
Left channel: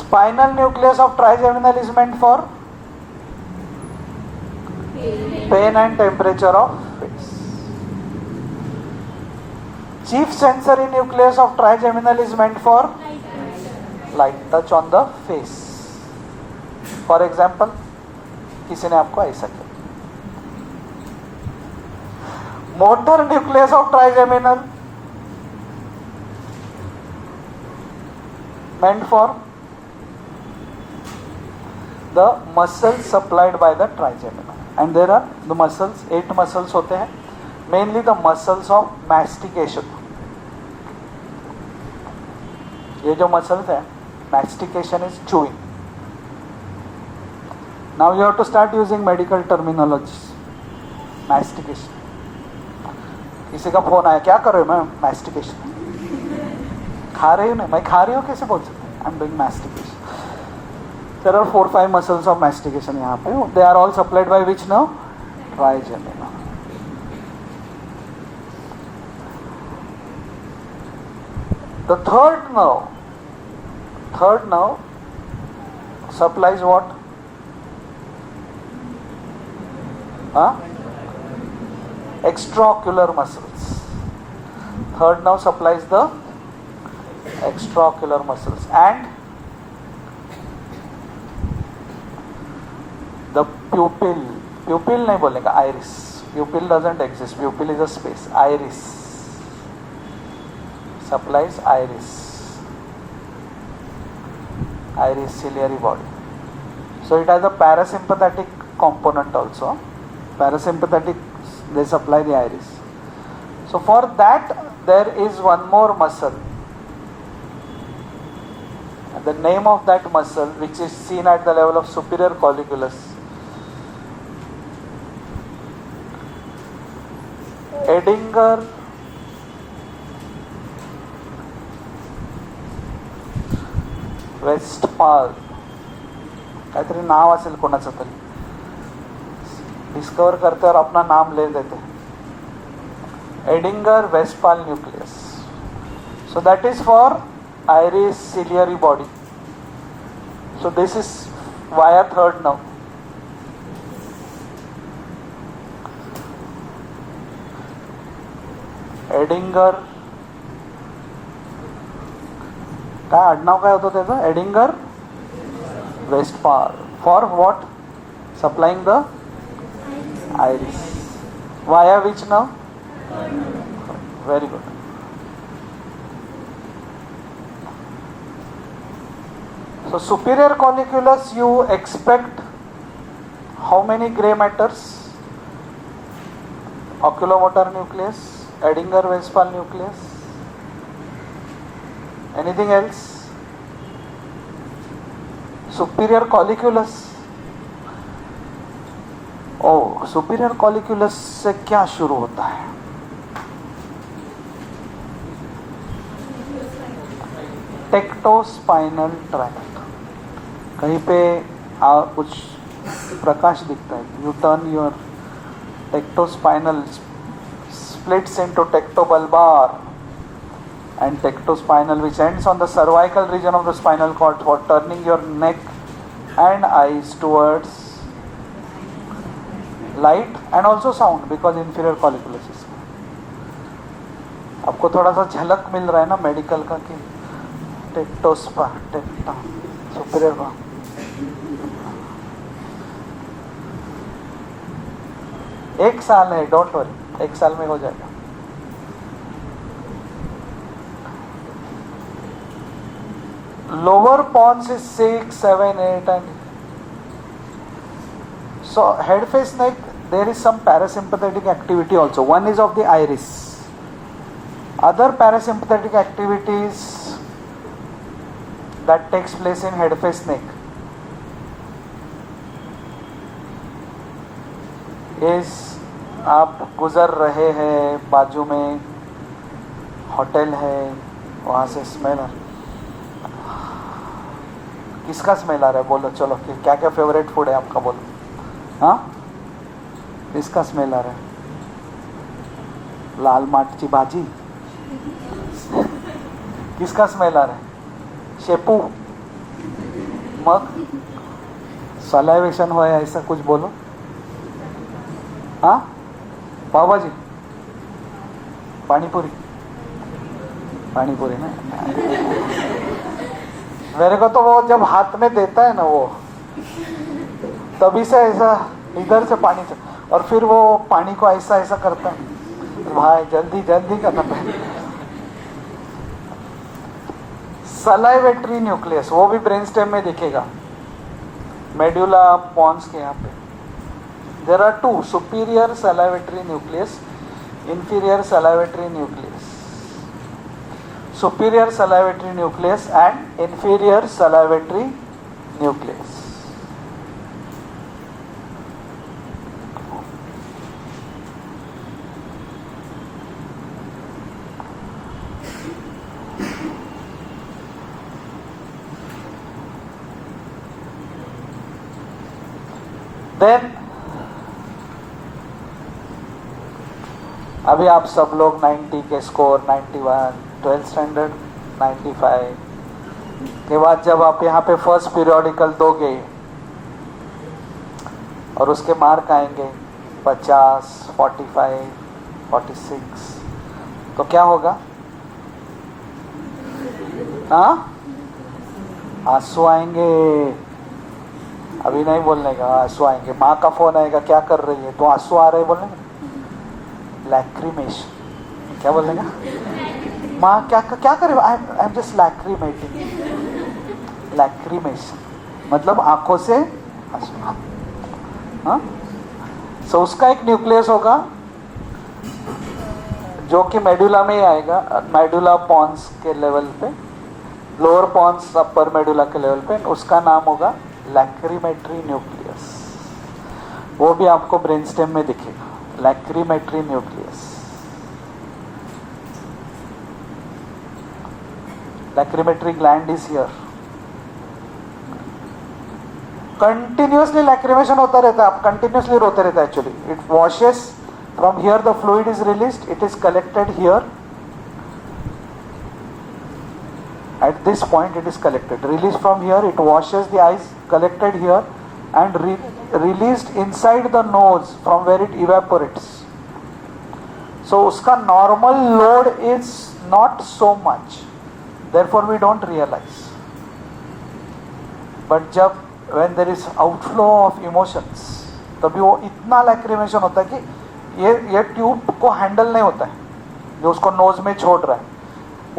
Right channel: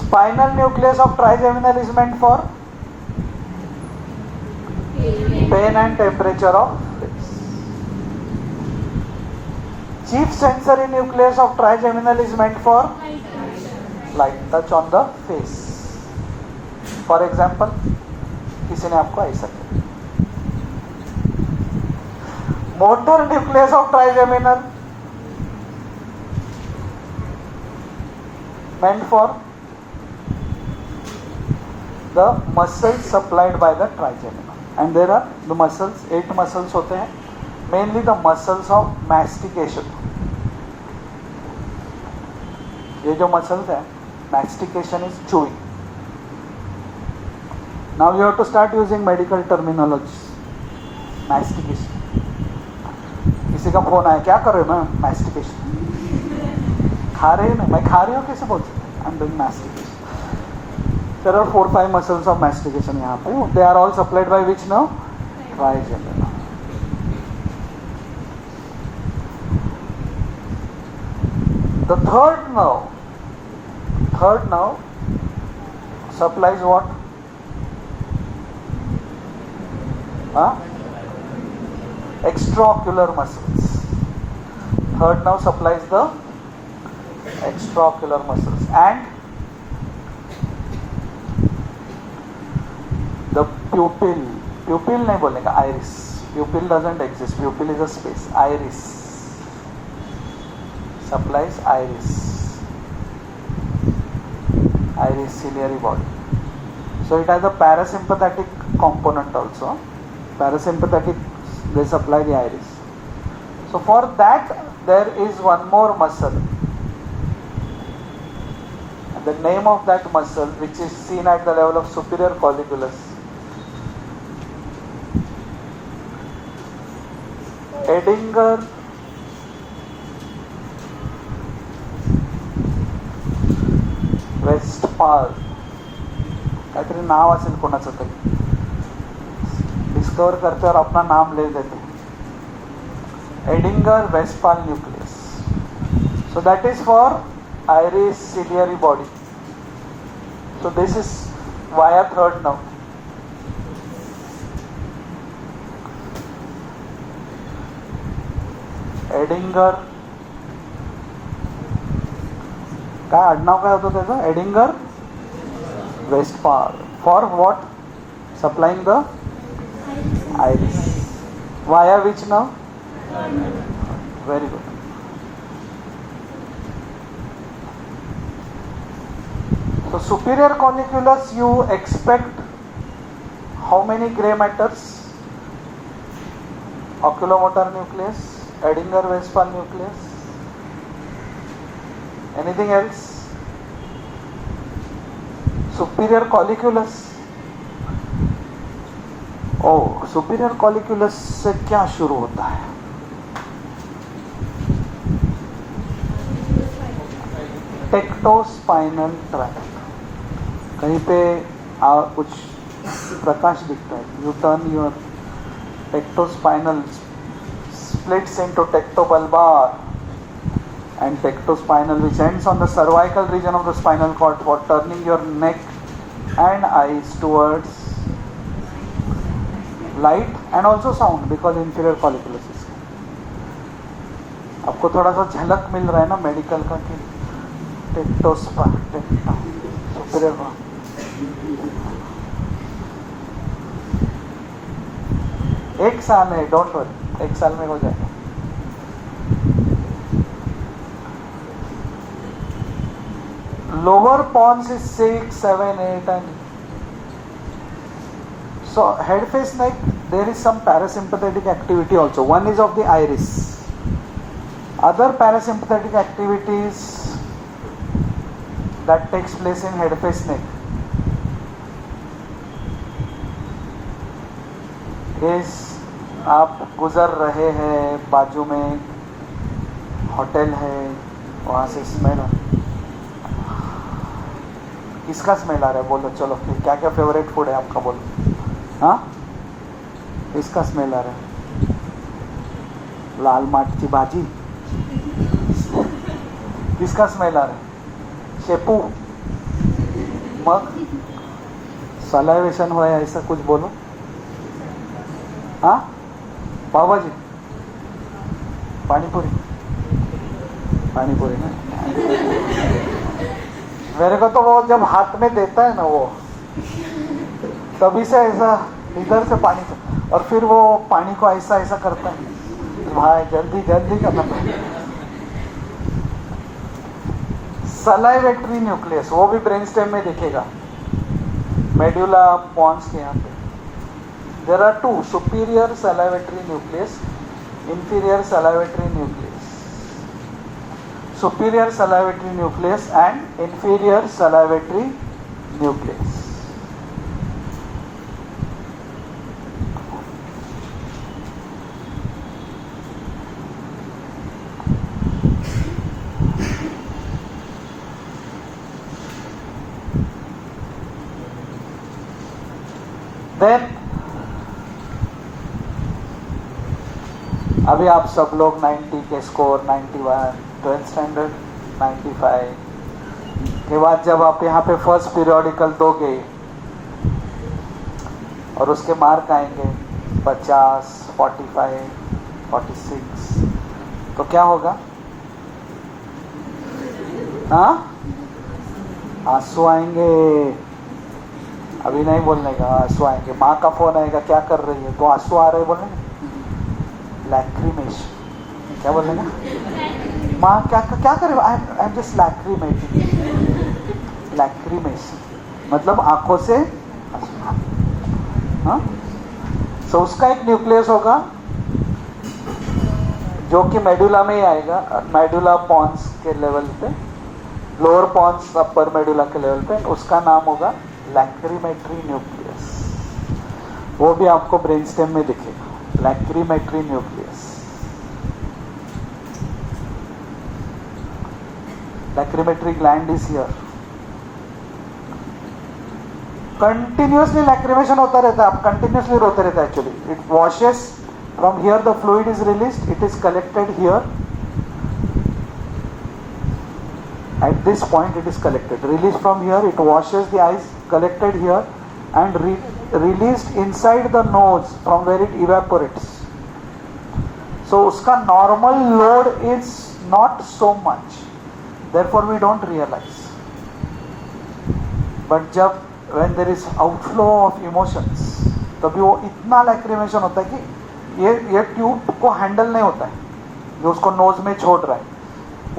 Spinal nucleus of trigeminal is meant for pain and temperature of face. Chief sensory nucleus of trigeminal is meant for light touch on the face. For example, किसी ने आपको ऐसा किया. Motor nucleus of trigeminal meant for the muscles supplied by the trigeminal. And there are the muscles, 8 muscles होते हैं, mainly the muscles of mastication. ये जो muscles हैं, mastication is chewing. Now you have to start using medical terminology. Mastication. किसी का फोन आया, क्या कर रहे हो? मैं mastication. खा रही हूँ, मैं खा रही हूँ कैसे बोल सकते? I'm doing mastication. There are 4-5 muscles of mastication यहाँ पे. They are all supplied by which nerve? Trigeminal. The third nerve supplies what? Extraocular muscles. Third nerve supplies the extraocular muscles and the pupil. Pupil नहीं बोलेगा, iris. Pupil doesn't exist. Pupil is a space. Iris supplies iris. Iris ciliary body. So it has a parasympathetic component also. Parasympathetic, they supply the iris. So for that there is one more muscle. The name of that muscle, which is seen at the level of superior colliculus, Edinger Westphal, काहीतरी नाव असेल कोणाचं तरी, डिस्कवर करते और अपना नाम ले देते. Edinger Westphal nucleus. So that is for iris ciliary body. So this is via third nerve. एडिंगर, काय आडनाव काय होतं त्याचं? Edinger Westphal. For what? Supplying the iris. Via which nerve? Very good. So superior colliculus, you expect how many gray matters? Oculomotor nucleus, Edinger Westphal nucleus. Anything else? Superior colliculus. Oh, superior colliculus से क्या शुरू होता है? Tectospinal tract. कहीं पे कुछ प्रकाश दिखता है. U turn your tectospinal splits into tectobulbar and tectospinal, which ends on the cervical region of the spinal cord for turning your neck and eyes towards light and also sound, because inferior colliculus is. आपको थोड़ा सा झलक मिल रहा है ना मेडिकल का कि सुपीरियर. एक साल है, डोंट वरी, एक साल में हो जाएगा. Lower pons is 6, 7, 8 and so head, face, neck, there is some parasympathetic activity also. One is of the iris. Other parasympathetic activities that takes place in head face neck is आप गुजर रहे हैं, बाजू में होटल है, वहाँ से स्मेल है. किसका स्मेल आ रहा है बोलो. चलो क्या क्या फेवरेट फूड है आपका बोलो. हाँ, किसका स्मेल आ रहा है. लाल माटची भाजी. किसका स्मेल आ रहा है. शेपू. मग सलाइवेशन हो या ऐसा कुछ बोलो. हाँ, पाव भाजी, पानीपुरी. पानीपुरी ना. मेरे को तो वो जब हाथ में देता है ना वो, तभी से ऐसा इधर से पानी से, और फिर वो पानी को ऐसा ऐसा करता है. भाई जल्दी जल्दी करना पड़ेगा. सलाइवेटरी न्यूक्लियस वो भी ब्रेन स्टेम में दिखेगा, मेडुला पॉन्स के यहाँ पे. There are two, superior salivatory nucleus, inferior salivatory nucleus. Superior salivatory nucleus and inferior salivatory nucleus. Then अभी आप सब लोग 90 के स्कोर, 91, 12th स्टैंडर्ड 95 के बाद जब आप यहाँ पे फर्स्ट पीरियोडिकल दोगे और उसके मार्क आएंगे 50, 45, 46, तो क्या होगा. हाँ, आंसू आएंगे. अभी नहीं बोलने का, आंसू आएंगे. माँ का फोन आएगा, क्या कर रही है, तो आंसू आ रहे बोलेंगे. लैक्रीमेशन. क्या बोलेंगे. माँ क्या क्या करे, आई एम जस्ट लैक्रीमेटिंग. लैक्रीमेशन मतलब आंखों से आंसू. हाँ, सो उसका एक न्यूक्लियस होगा जो कि मेडुला में ही आएगा, मेडुला पॉन्स के लेवल पे, लोअर पॉन्स अपर मेडुला के लेवल पे. उसका नाम होगा लैक्रीमेटरी न्यूक्लियस. वो भी आपको ब्रेन स्टेम में दिखेगा. Lacrimatory nucleus. Lacrimatory gland is here. Continuously lacrimation होता रहता है. आप कंटिन्यूअसली रोते रहते हैं. Actually it washes from here, the fluid is released, it is collected here. At this point it is collected, released from here, it washes the eyes, collected here and released inside the nose from where it evaporates. So uska normal load is not so much, therefore we don't realize. But जब when there is outflow of emotions, तभी वो इतना लैक्रीमेशन होता है कि ये ट्यूब को हैंडल नहीं होता है जो उसको नोज में छोड़ रहा है.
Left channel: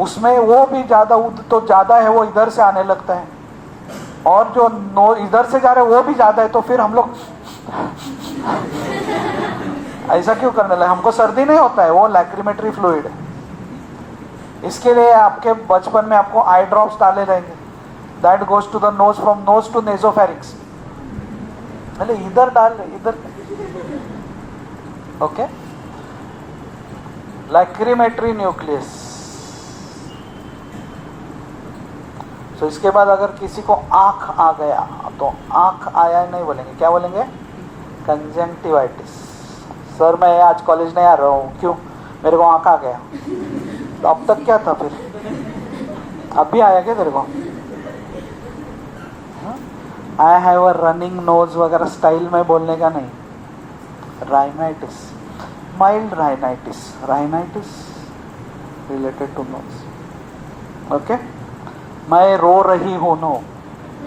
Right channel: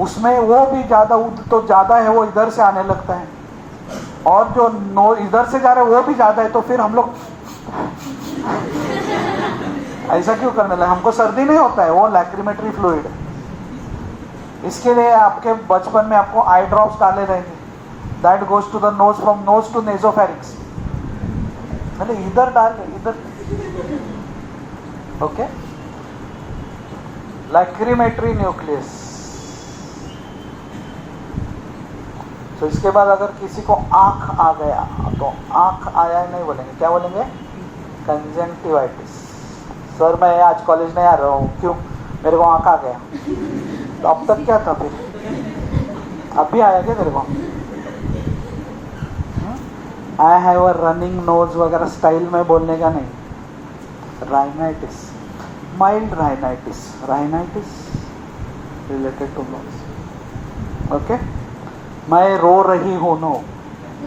उसमें वो भी ज़्यादा तो ज़्यादा है, वो इधर से आने लगता है, और जो इधर से जा रहा है वो भी ज़्यादा है. तो फिर हम लोग ऐसा क्यों करने लगे. हमको सर्दी नहीं होता है, वो लैक्रीमेटरी फ्लूइड है. इसके लिए आपके बचपन में आपको आई ड्रॉप्स डाले रहेंगे. That goes to the nose, from nose to nasopharynx. पहले इधर डाल, इधर. Okay, lacrimatory nucleus. तो इसके बाद अगर किसी को आंख आ गया, तो आंख आया नहीं बोलेंगे, क्या बोलेंगे. कंजंक्टिवाइटिस. सर मैं आज कॉलेज नहीं आ रहा हूँ, क्यों, मेरे को आंख आ गया. तो अब तक क्या था फिर, अब भी आया क्या तेरे को. I have a running nose वगैरह स्टाइल में बोलने का नहीं. Rhinitis, mild rhinitis. Rhinitis related to nose. Okay, मैं रो रही हूँ, no,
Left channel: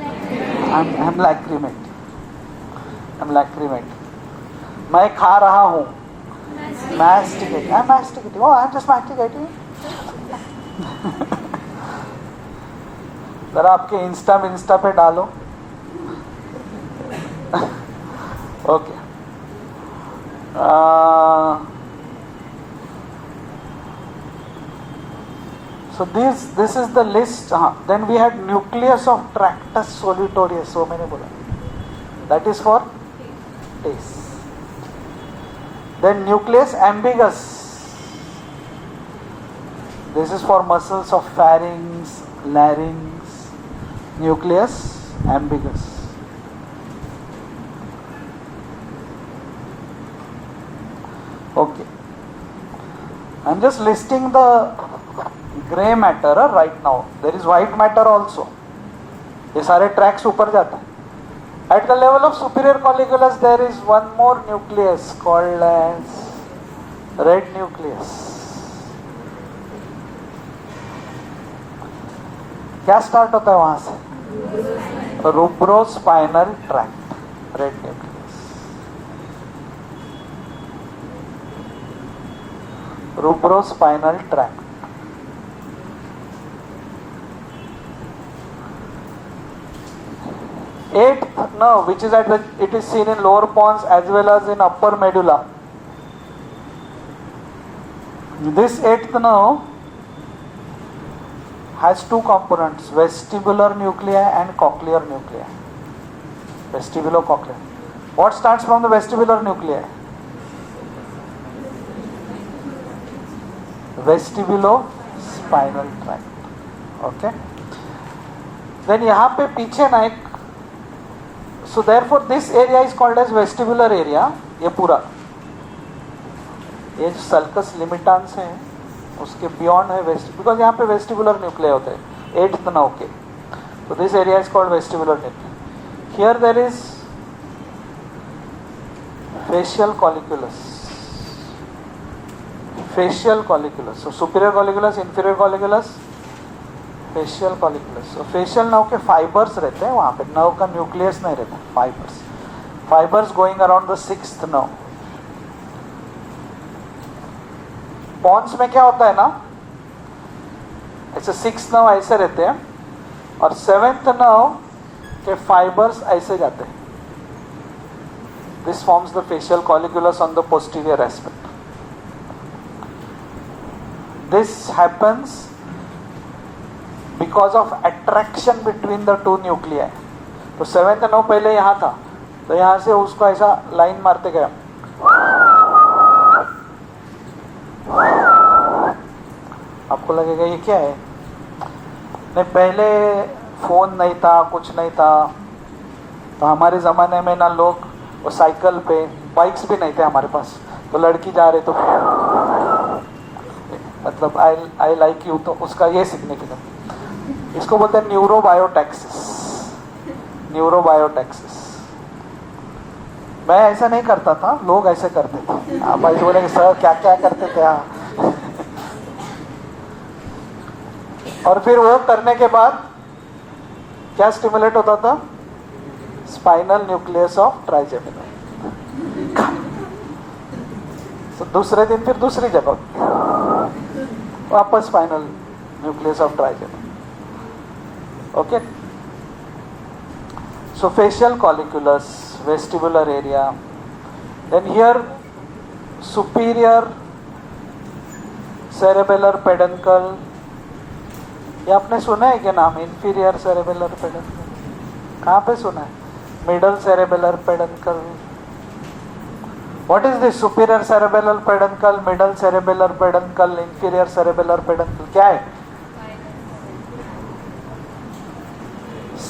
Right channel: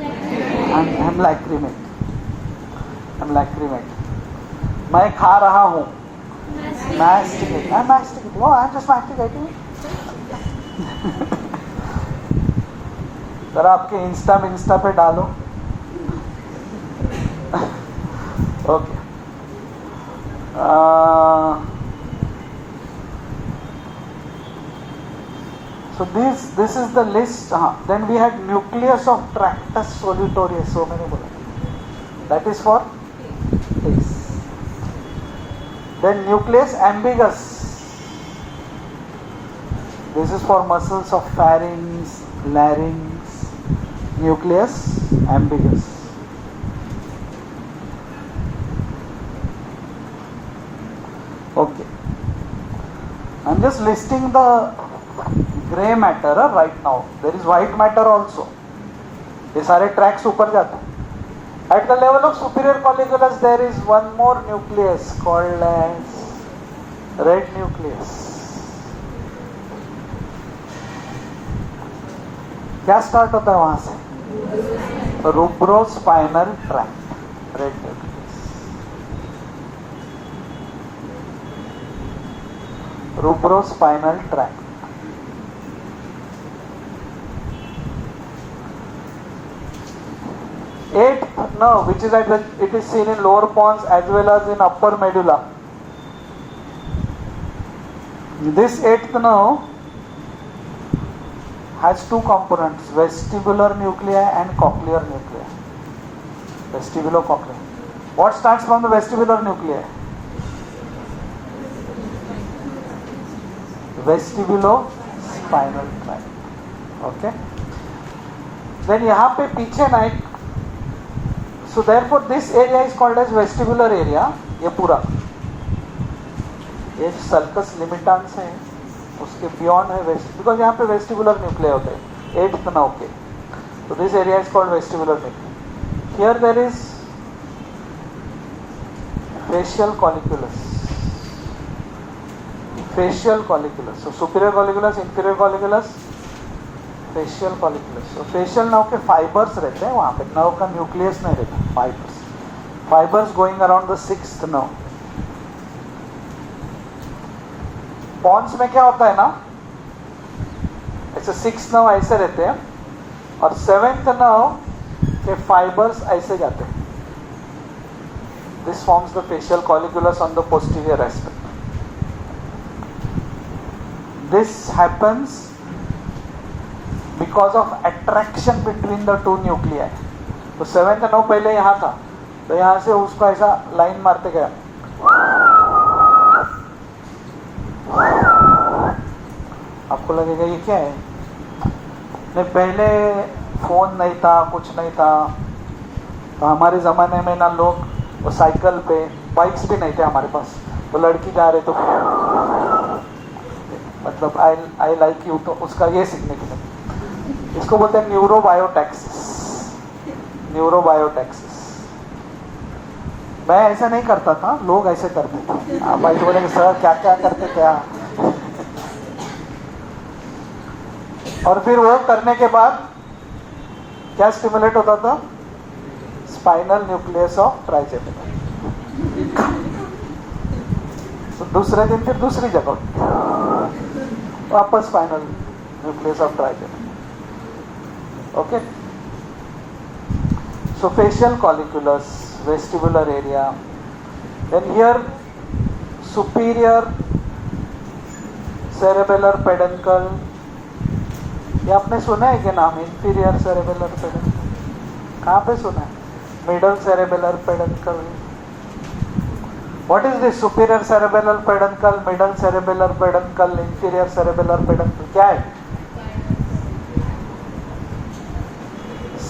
I'm lacrimate. I'm lacrimate. मैं खा रहा हूँ, masticating. I'm masticating. Oh, I'm just masticating. जरा आपके इंस्टा पे डालो. Okay, So this is the list. Then we had nucleus of tractus solitarius. So मैंने बोला that is for taste. Then nucleus ambiguous. This is for muscles of pharynx, larynx. Nucleus ambiguous. Okay. I'm just listing the grey matter right now. There is white matter also. ये सारे tracks ऊपर जाते हैं. At the level of superior colliculus, there is one more nucleus called as red nucleus. क्या स्टार्ट होता है वहां से? Rubrospinal tract, red nucleus. Rubrospinal tract. Eighth nerve, which is it is seen in lower pons as well as in upper medulla. This eighth nerve has two components, vestibular nuclei and cochlear nuclei. Vestibulocochlear. What starts from the vestibular nuclei? Vestibulospinal tract. Okay. Then यहाँ पे पीछे ना एक, so therefore this area is called as vestibular area. ये पूरा, ये sulcus limitans है, उसके beyond है वेस्ट, बिकॉज यहाँ पे वेस्टिबुलर न्यूक्लिया होता है, 8th nerve के. So this area is called vestibular nucleus. Here there is facial colliculus. Facial colliculus. So superior colliculus, inferior colliculus, facial colliculus. So facial nerve के fibers रहते हैं वहाँ पे, nerve का nucleus नहीं रहता, fibers. Fibers going around the 6th nerve. Pons में क्या होता है ना, ऐसे 6th nerve ऐसे रहते हैं और 7th nerve के फाइबर्स ऐसे जाते हैं. This forms the facial colliculus on the posterior aspect. This happens because of attraction between the two nuclei. तो 7th nerve पहले यहाँ था, तो यहाँ से उसको ऐसा लाइन मारते गया, आपको लगेगा ये क्या है. नहीं, पहले फोन नहीं था, कुछ नहीं था, तो हमारे ज़माने में ना लोग वो साइकिल पे, बाइक्स भी नहीं थे हमारे पास, तो लड़की जा रहे तो मतलब आई लाइक यू, तो उसका ये सिग्निफिकेंस. इसको बोलते हैं न्यूरोबायोटैक्सिस. न्यूरोबायोटैक्सिस. मैं ऐसा नहीं करता था, लोग ऐसे करते थे. भाई बोलेंगे सर क्या क्या करते क्या. और फिर वो करने के बाद क्या स्टिमुलेट होता था? Spinal nucleus of trigeminal. तो दूसरे दिन फिर दूसरी जगह वापस spinal nucleus of trigeminal. Okay. So facial colliculus, vestibular area. Then here superior cerebellar peduncle. ये आपने सुना है क्या नाम? inferior cerebellar peduncle कहाँ पे सुना है? middle cerebellar peduncle. What is this superior cerebellar peduncle, middle cerebellar peduncle, inferior cerebellar peduncle? क्या है?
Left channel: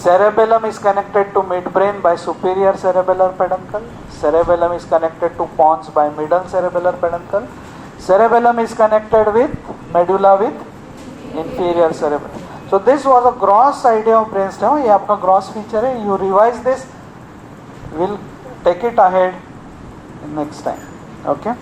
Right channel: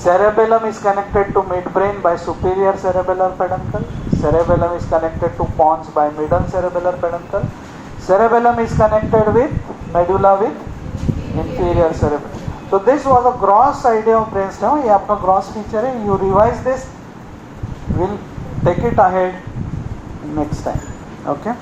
Cerebellum is connected to midbrain by superior cerebellar peduncle. Cerebellum is connected to pons by middle cerebellar peduncle. Cerebellum is connected with medulla with inferior cerebellum. So this was a gross idea of brainstem. ये आपका gross feature है. You revise this. We'll take it ahead next time. Okay.